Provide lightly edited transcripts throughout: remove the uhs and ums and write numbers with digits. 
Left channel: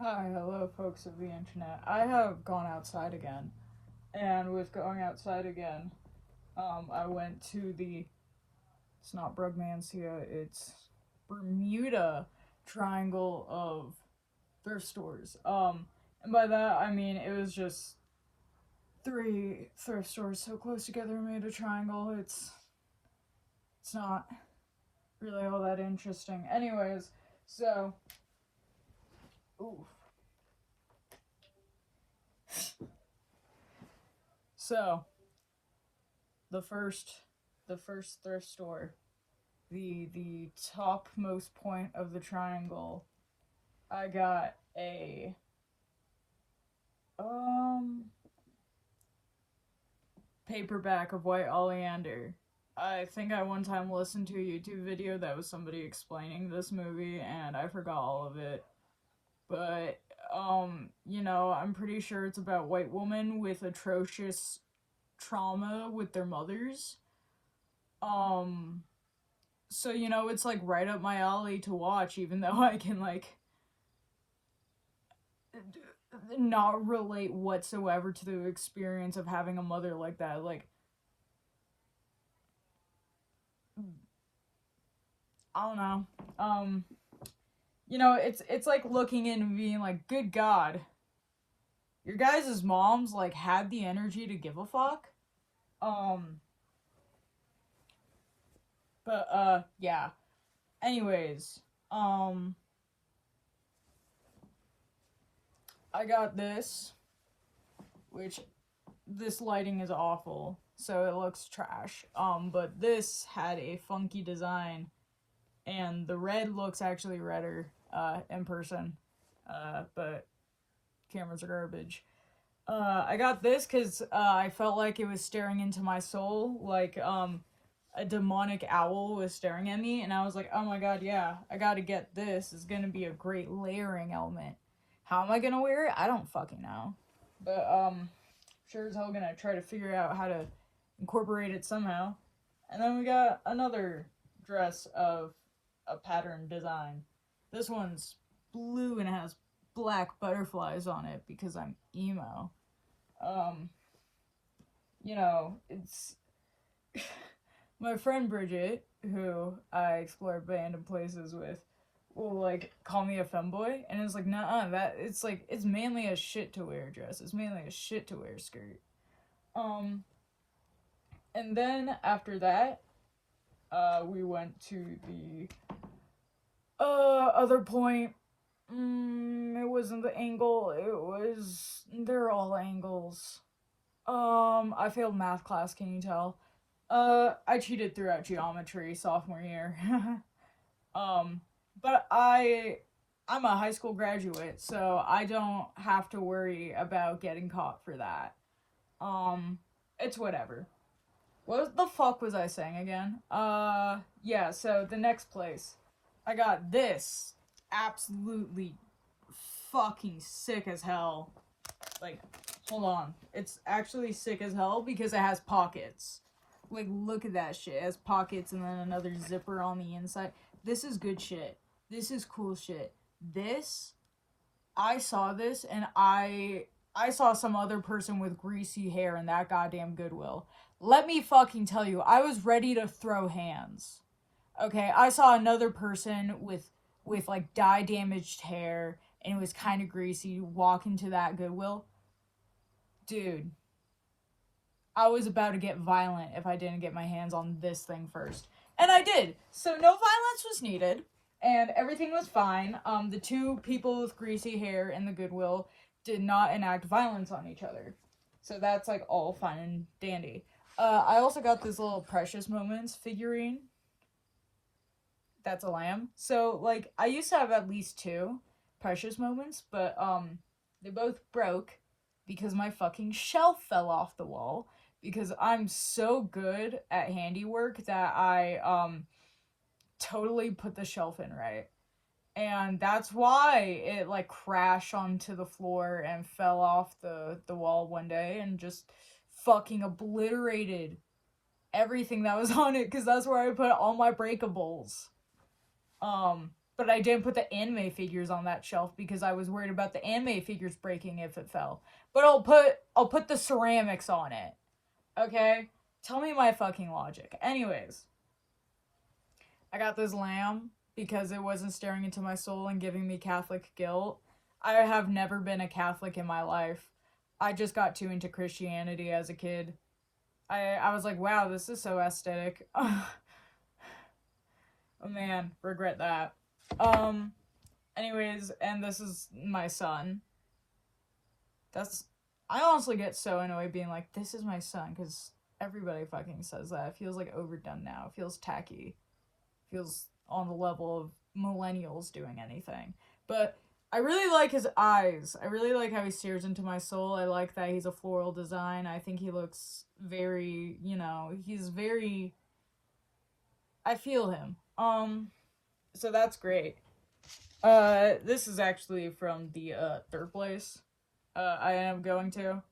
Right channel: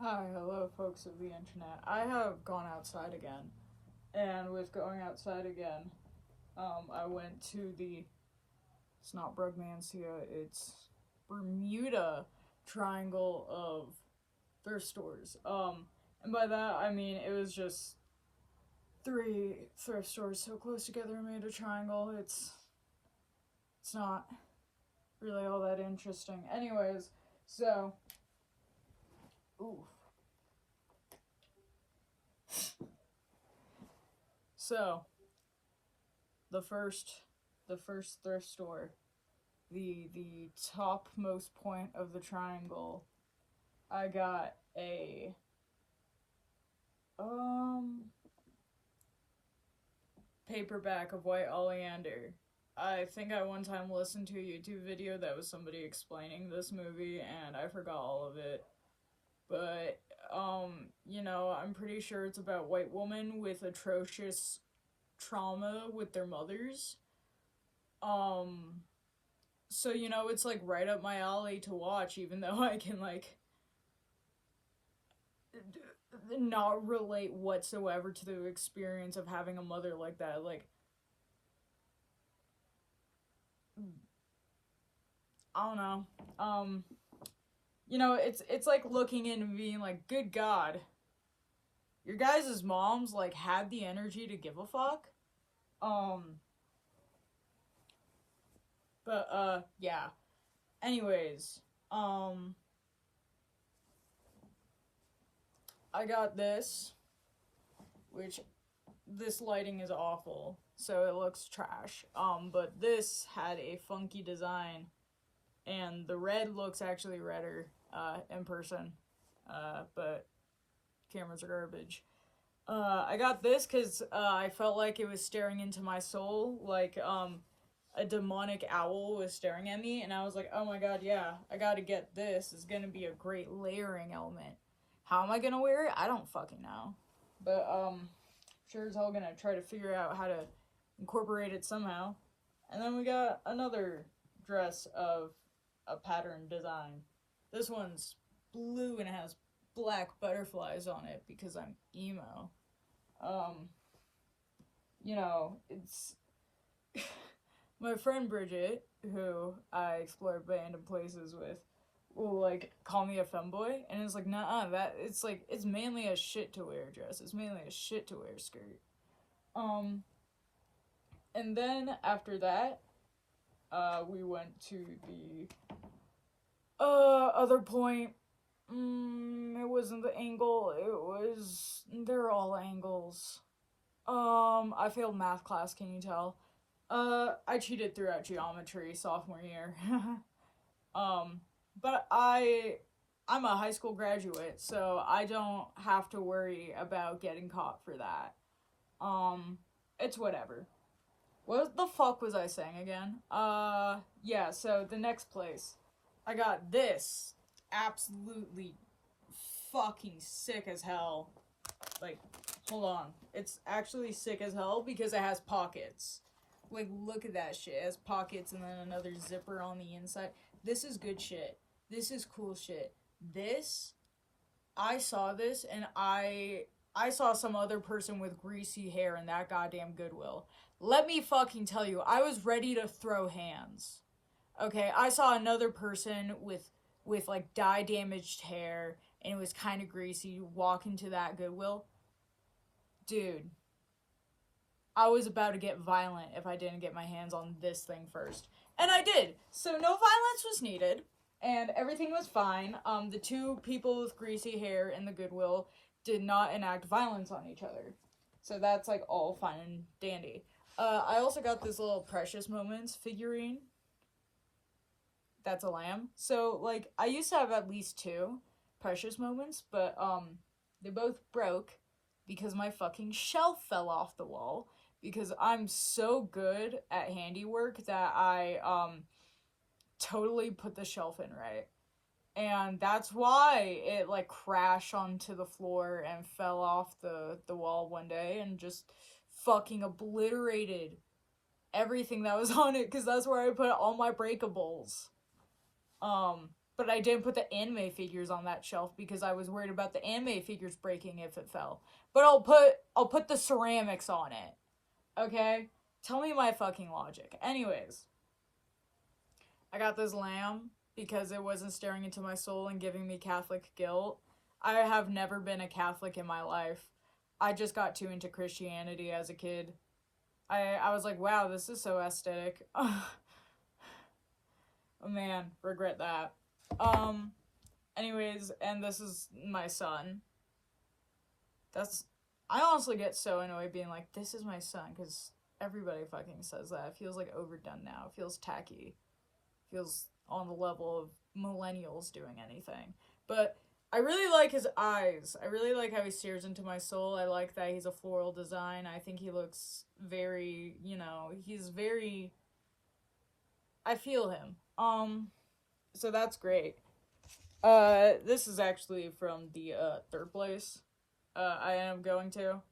Hi, hello folks of the internet. I have gone outside again, and with going outside again, I went to it's not Brugmansia, it's Bermuda Triangle of thrift stores. And by that I mean it was just three thrift stores so close together made a triangle. It's not really all that interesting. Anyways, so, oof. So, the first thrift store, the topmost point of the triangle, I got a paperback of White Oleander. I think I one time listened to a YouTube video that was somebody explaining this movie and I forgot all of it. But I'm pretty sure it's about white women with atrocious trauma with their mothers. So it's like right up my alley to watch, even though I can like not relate whatsoever to the experience of having a mother like that. Like, I don't know. It's like looking in and being like, good God, your guys' moms like had the energy to give a fuck. Yeah. Anyways, I got this, which this lighting is awful, so it looks trash. But this had a funky design, and the red looks actually redder, in person. But cameras are garbage. I got this because, I felt like it was staring into my soul, like, a demonic owl was staring at me, and I was like, oh my god, yeah, I gotta get this. It's gonna be a great layering element. How am I gonna wear it? I don't fucking know. But, sure as hell gonna try to figure out how to incorporate it somehow. And then we got another dress of a pattern design. This one's blue and has black butterflies on it because I'm emo. It's my friend Bridget, who I explore random places with, will like call me a femboy, and it's like, nah, it's mainly a shit to wear dress. It's mainly a shit to wear skirt. And then after that, we went to the other point. It wasn't the angle. They're all angles. I failed math class. Can you tell? I cheated throughout geometry sophomore year. But I'm a high school graduate, so I don't have to worry about getting caught for that. It's whatever. What the fuck was I saying again? Yeah, so the next place. I got this absolutely fucking sick as hell. Like, hold on. It's actually sick as hell because it has pockets. Like, look at that shit. It has pockets and then another zipper on the inside. This is good shit. This is cool shit. I saw this and I saw some other person with greasy hair in that goddamn Goodwill. Let me fucking tell you, I was ready to throw hands. Okay, I saw another person with like dye damaged hair and it was kind of greasy walk into that Goodwill. Dude, I was about to get violent if I didn't get my hands on this thing first. And I did. So no violence was needed. And everything was fine. The two people with greasy hair in the Goodwill did not enact violence on each other. So that's like all fine and dandy. I also got this little Precious Moments figurine. That's a lamb. So like I used to have at least two Precious Moments, but they both broke because my fucking shelf fell off the wall. Because I'm so good at handiwork that I totally put the shelf in right. And that's why it like crashed onto the floor and fell off the wall one day and just fucking obliterated everything that was on it because that's where I put all my breakables. but I didn't put the anime figures on that shelf because I was worried about the anime figures breaking if it fell. But I'll put the ceramics on it. Okay? Tell me my fucking logic. Anyways, I got this lamb because it wasn't staring into my soul and giving me Catholic guilt. I have never been a Catholic in my life. I just got too into Christianity as a kid. I was like, wow, this is so aesthetic. Oh man, regret that. Anyways, and this is my son. I honestly get so annoyed being like, this is my son, because everybody fucking says that. It feels like overdone now. It feels tacky. It feels on the level of millennials doing anything. But I really like his eyes. I really like how he stares into my soul. I like that he's a floral design. I think he looks very, he's very... I feel him. So that's great. This is actually from the, third place I am going to.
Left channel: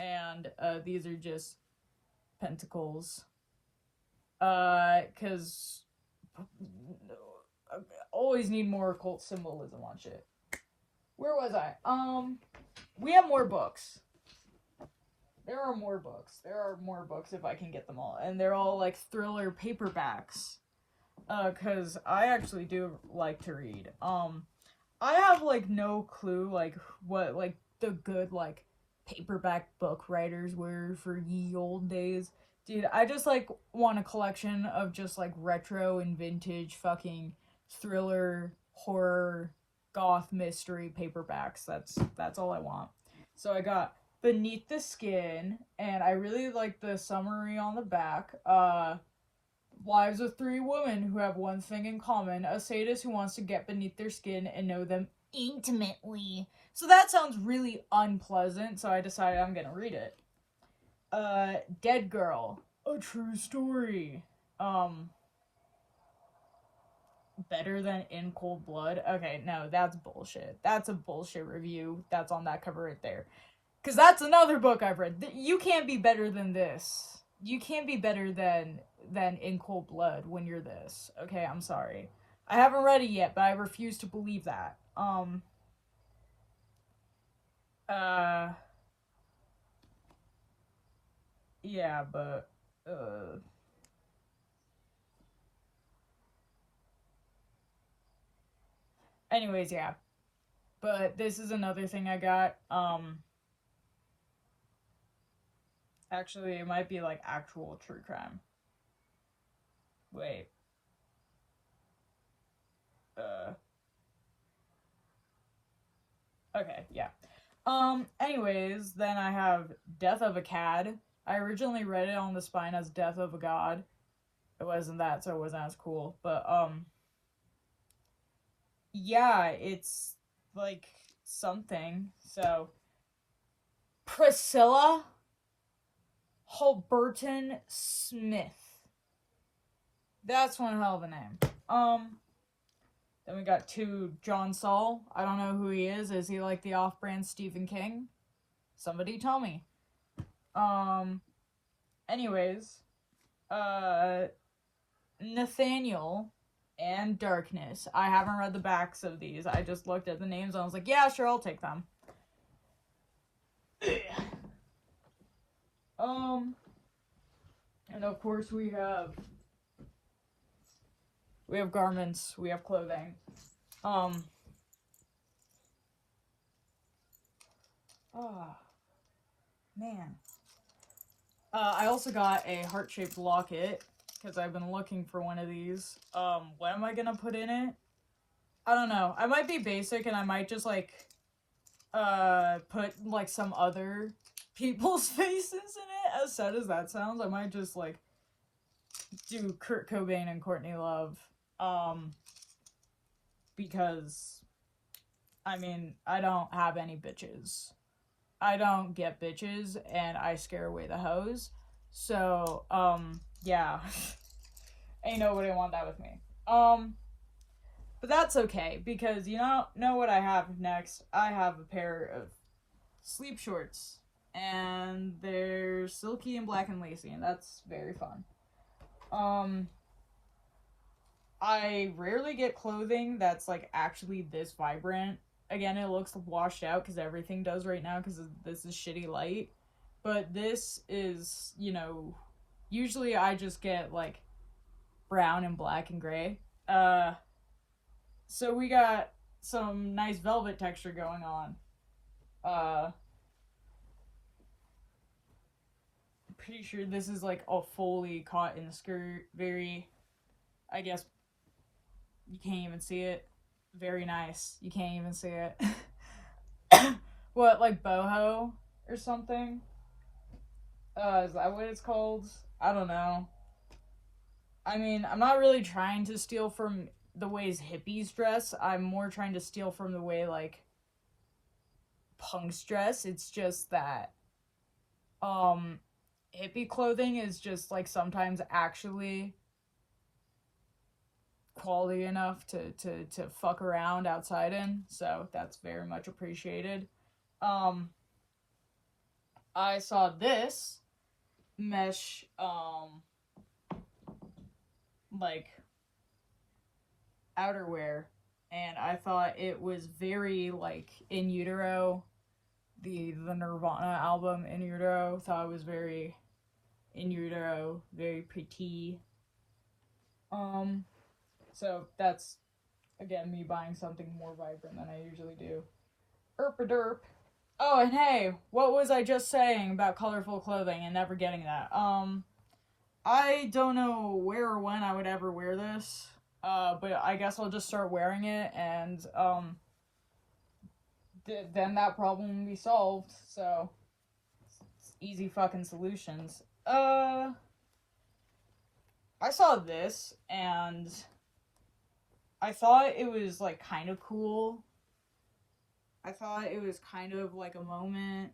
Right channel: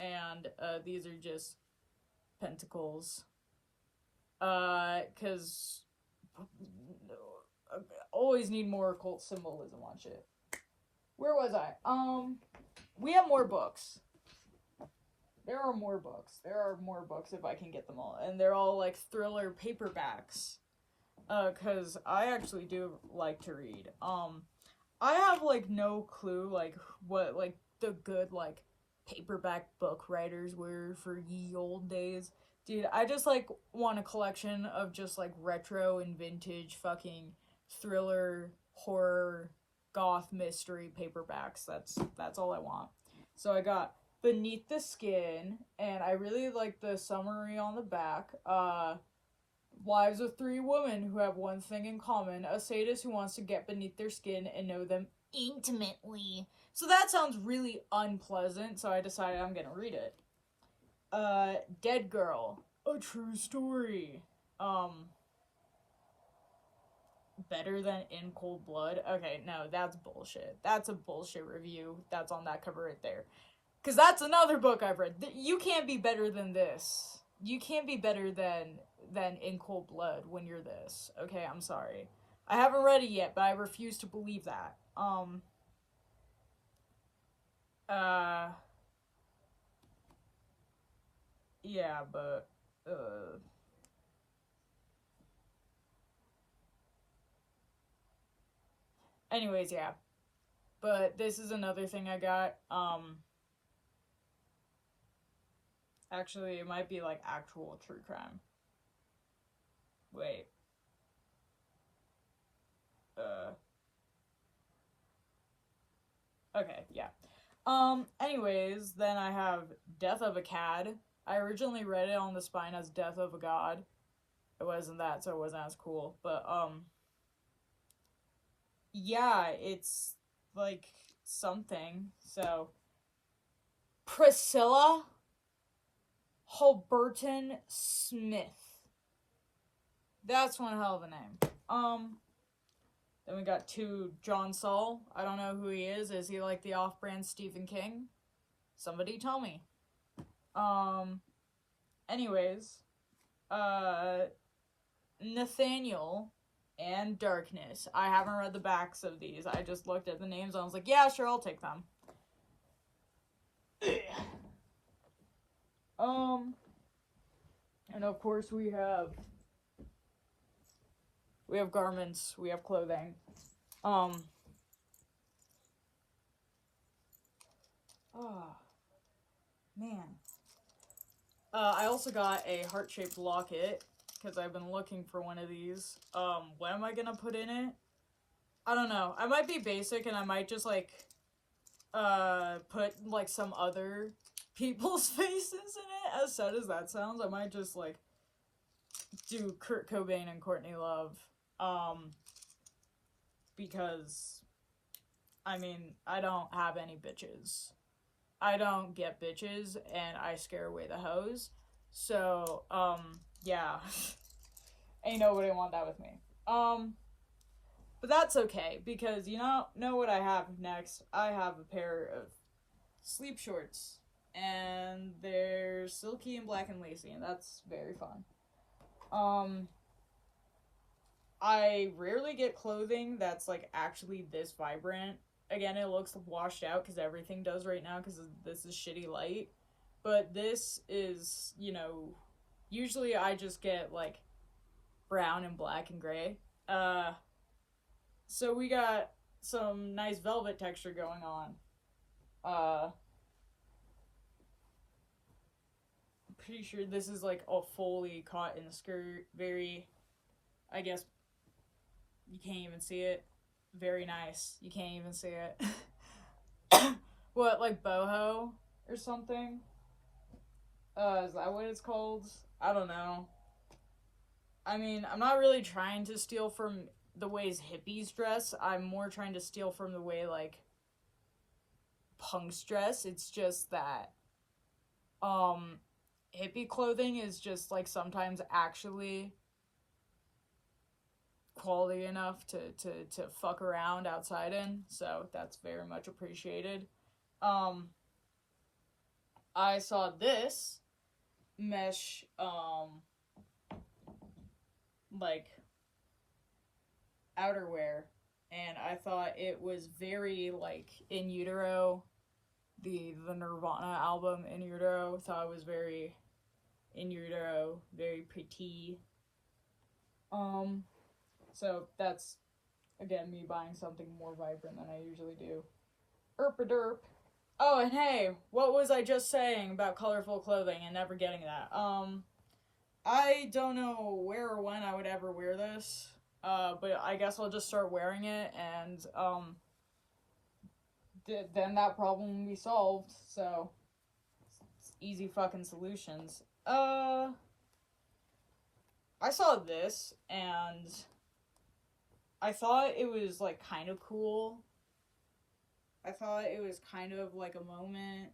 And, these are just pentacles. Cause... I always need more occult symbolism on shit. Where was I? We have more books. There are more books. There are more books if I can get them all. And they're all, like, thriller paperbacks. Cause I actually do like to read. I have, like, no clue, like, what, like, the good, like, paperback book writers were for ye old days. Dude, I just, like, want a collection of just, like, retro and vintage fucking thriller, horror, goth mystery paperbacks. That's all I want. So I got Beneath the Skin, and I really like the summary on the back. Lives of three women who have one thing in common: a sadist who wants to get beneath their skin and know them intimately. So that sounds really unpleasant, so I decided I'm gonna read it. Dead Girl, a true story. Better than In Cold Blood? Okay, no, that's bullshit. That's a bullshit review that's on that cover right there. Because that's another book I've read. You can't be better than this. You can't be better than In Cold Blood when you're this. Okay, I'm sorry. I haven't read it yet, but I refuse to believe that. Yeah, but, anyways, yeah. But this is another thing I got. Actually, it might be, like, actual true crime. Wait. Okay, yeah. Anyways, then I have Death of a Cad. I originally read it on the spine as Death of a God. It wasn't that, so it wasn't as cool. But, yeah, it's, like, something. So, Priscilla Holberton Smith. That's one hell of a name. Then we got John Saul. I don't know who he is. Is he like the off-brand Stephen King? Somebody tell me. Anyways, Nathaniel and Darkness. I haven't read the backs of these. I just looked at the names and I was like, yeah, sure, I'll take them. And of course we have garments, we have clothing. Man. I also got a heart-shaped locket, because I've been looking for one of these. What am I gonna put in it? I don't know. I might be basic, and I might just, like, put, like, some other people's faces in it. As sad as that sounds, I might just, like, do Kurt Cobain and Courtney Love. Because, I mean, I don't have any bitches. I don't get bitches, and I scare away the hoes. So, yeah. Ain't nobody want that with me. But that's okay, because you know what I have next? I have a pair of sleep shorts, and they're silky and black and lacy, and that's very fun. I rarely get clothing that's like actually this vibrant. Again, it looks washed out because everything does right now because this is shitty light. But this is, usually I just get like brown and black and gray. Uh, so we got some nice velvet texture going on. Uh, Pretty sure this is like a fully cotton skirt. Very, I guess you can't even see it. Very nice. You can't even see it. What, like boho or something? Is that what it's called? I don't know. I mean, I'm not really trying to steal from the ways hippies dress. I'm more trying to steal from the way, like, punks dress. It's just that, hippie clothing is just, like, sometimes actually quality enough to fuck around outside in. So that's very much appreciated. Um, I saw this mesh, like outerwear, and I thought it was very like In Utero, the Nirvana album In Utero. Thought it was very In Utero, very pretty. So that's again me buying something more vibrant than I usually do. Erp a derp. Oh, and hey, what was I just saying about colorful clothing and never getting that? I don't know where or when I would ever wear this. But I guess I'll just start wearing it, and then that problem will be solved. So it's easy fucking solutions. I saw this, and I thought it was like kind of cool. I thought it was kind of like a moment,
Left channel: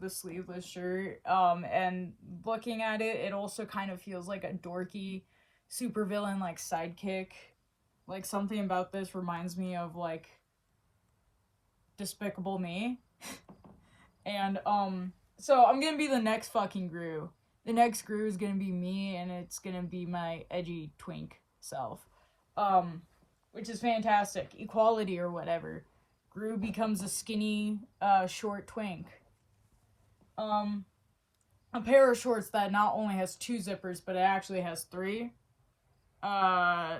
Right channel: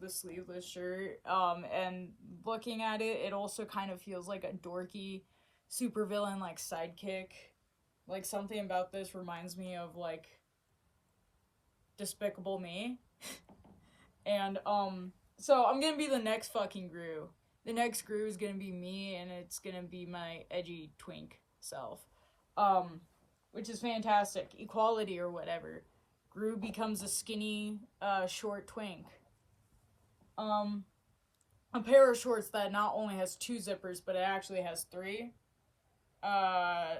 the sleeveless shirt. And looking at it, it also kind of feels like a dorky supervillain like sidekick. Like something about this reminds me of like Despicable Me. And so I'm gonna be the next fucking Gru. The next Gru is gonna be me, and it's gonna be my edgy twink self. Which is fantastic. Equality or whatever. Gru becomes a skinny, short twink. A pair of shorts that not only has 2 zippers, but it actually has 3.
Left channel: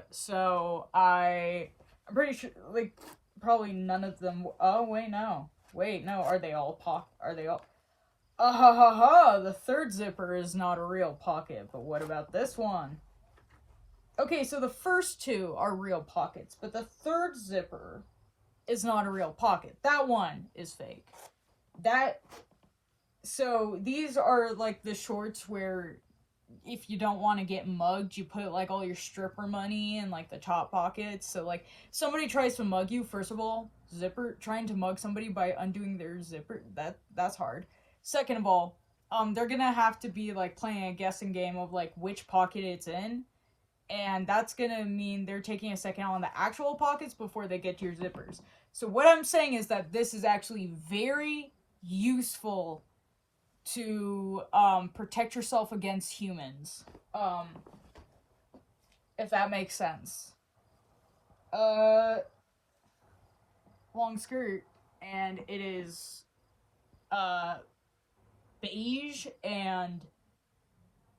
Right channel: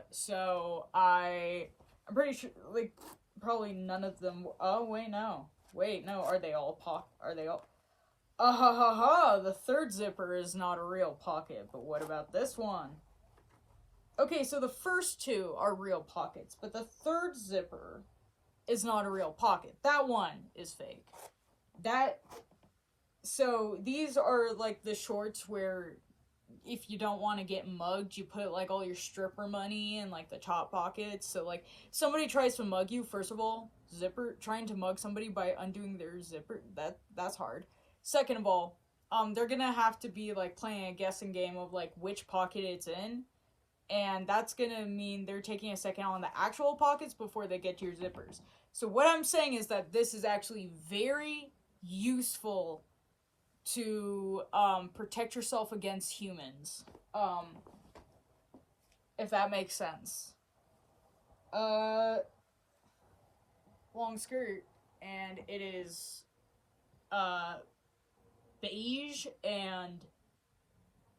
So I'm pretty sure, like, probably none of them. Oh, wait, no. Are they all ha ha ha! The 3rd zipper is not a real pocket, but what about this one? Okay, so the first 2 are real pockets, but the 3rd zipper is not a real pocket. That one is fake. So these are like the shorts where if you don't want to get mugged, you put like all your stripper money in like the top pockets. So like somebody tries to mug you, first of all, trying to mug somebody by undoing their zipper, that's hard. Second of all, they're gonna have to be like playing a guessing game of like which pocket it's in. And that's gonna mean they're taking a second on the actual pockets before they get to your zippers. So what I'm saying is that this is actually very useful to protect yourself against humans. If that makes sense. Long skirt, and it is beige and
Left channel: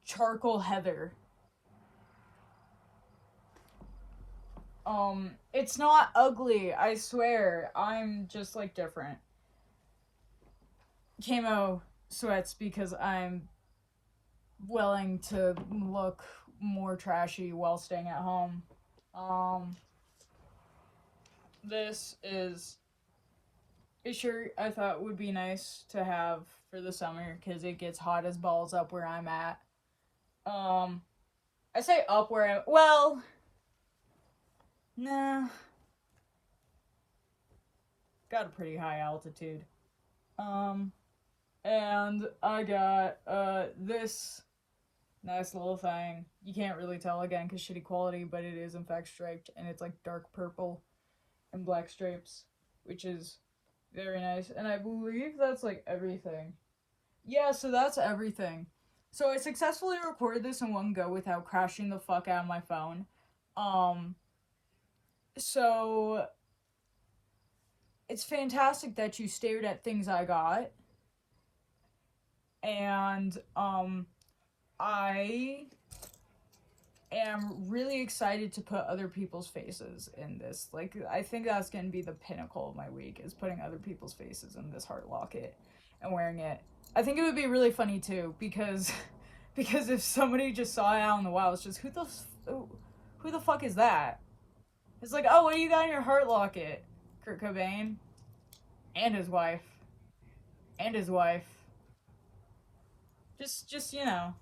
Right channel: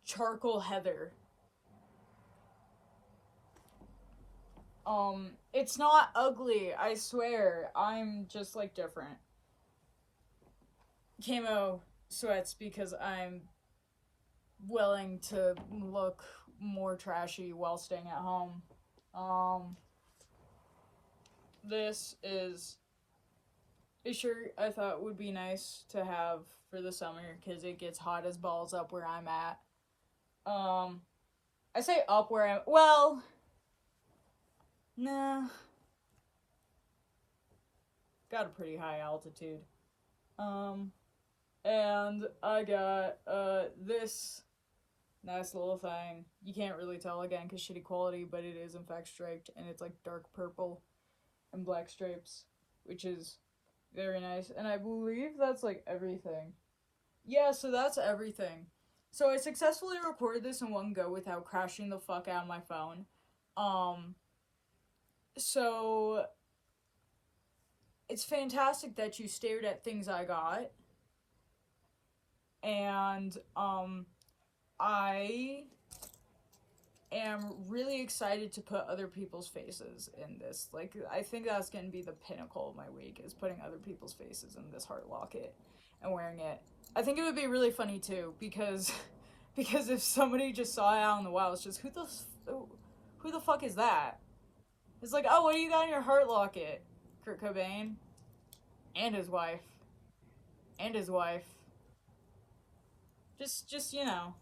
charcoal heather. It's not ugly, I swear. I'm just, like, different. Camo sweats because I'm willing to look more trashy while staying at home. This is a shirt I thought would be nice to have for the summer because it gets hot as balls up where I'm at. I say up where I'm... Well... Nah. Got a pretty high altitude. And I got, this nice little thing. You can't really tell again because shitty quality, but it is in fact striped, and it's like dark purple and black stripes, which is very nice. And I believe that's like everything. Yeah, so that's everything. So I successfully recorded this in one go without crashing the fuck out of my phone. So it's fantastic that you stared at things I got, and I am really excited to put other people's faces in this. Like, I think that's gonna be the pinnacle of my week, is putting other people's faces in this heart locket and wearing it. I think it would be really funny too, because because if somebody just saw it out in the wild, it's just, who the fuck is that? It's like, oh, what do you got in your heart locket? Kurt Cobain and his wife. And his wife. Just, you know,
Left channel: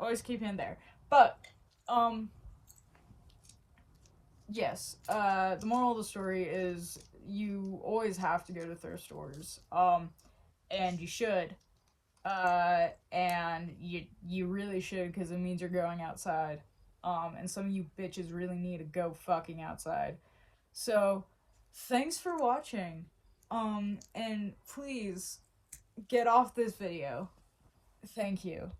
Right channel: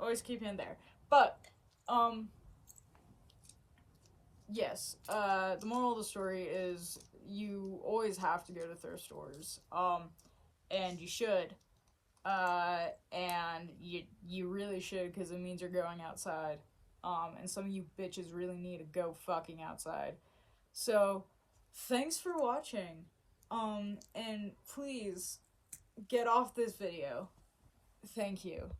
always keep him there. But, yes, the moral of the story is you always have to go to thrift stores. And you should. And you really should, because it means you're going outside. And some of you bitches really need to go fucking outside. So, thanks for watching. And please, get off this video. Thank you.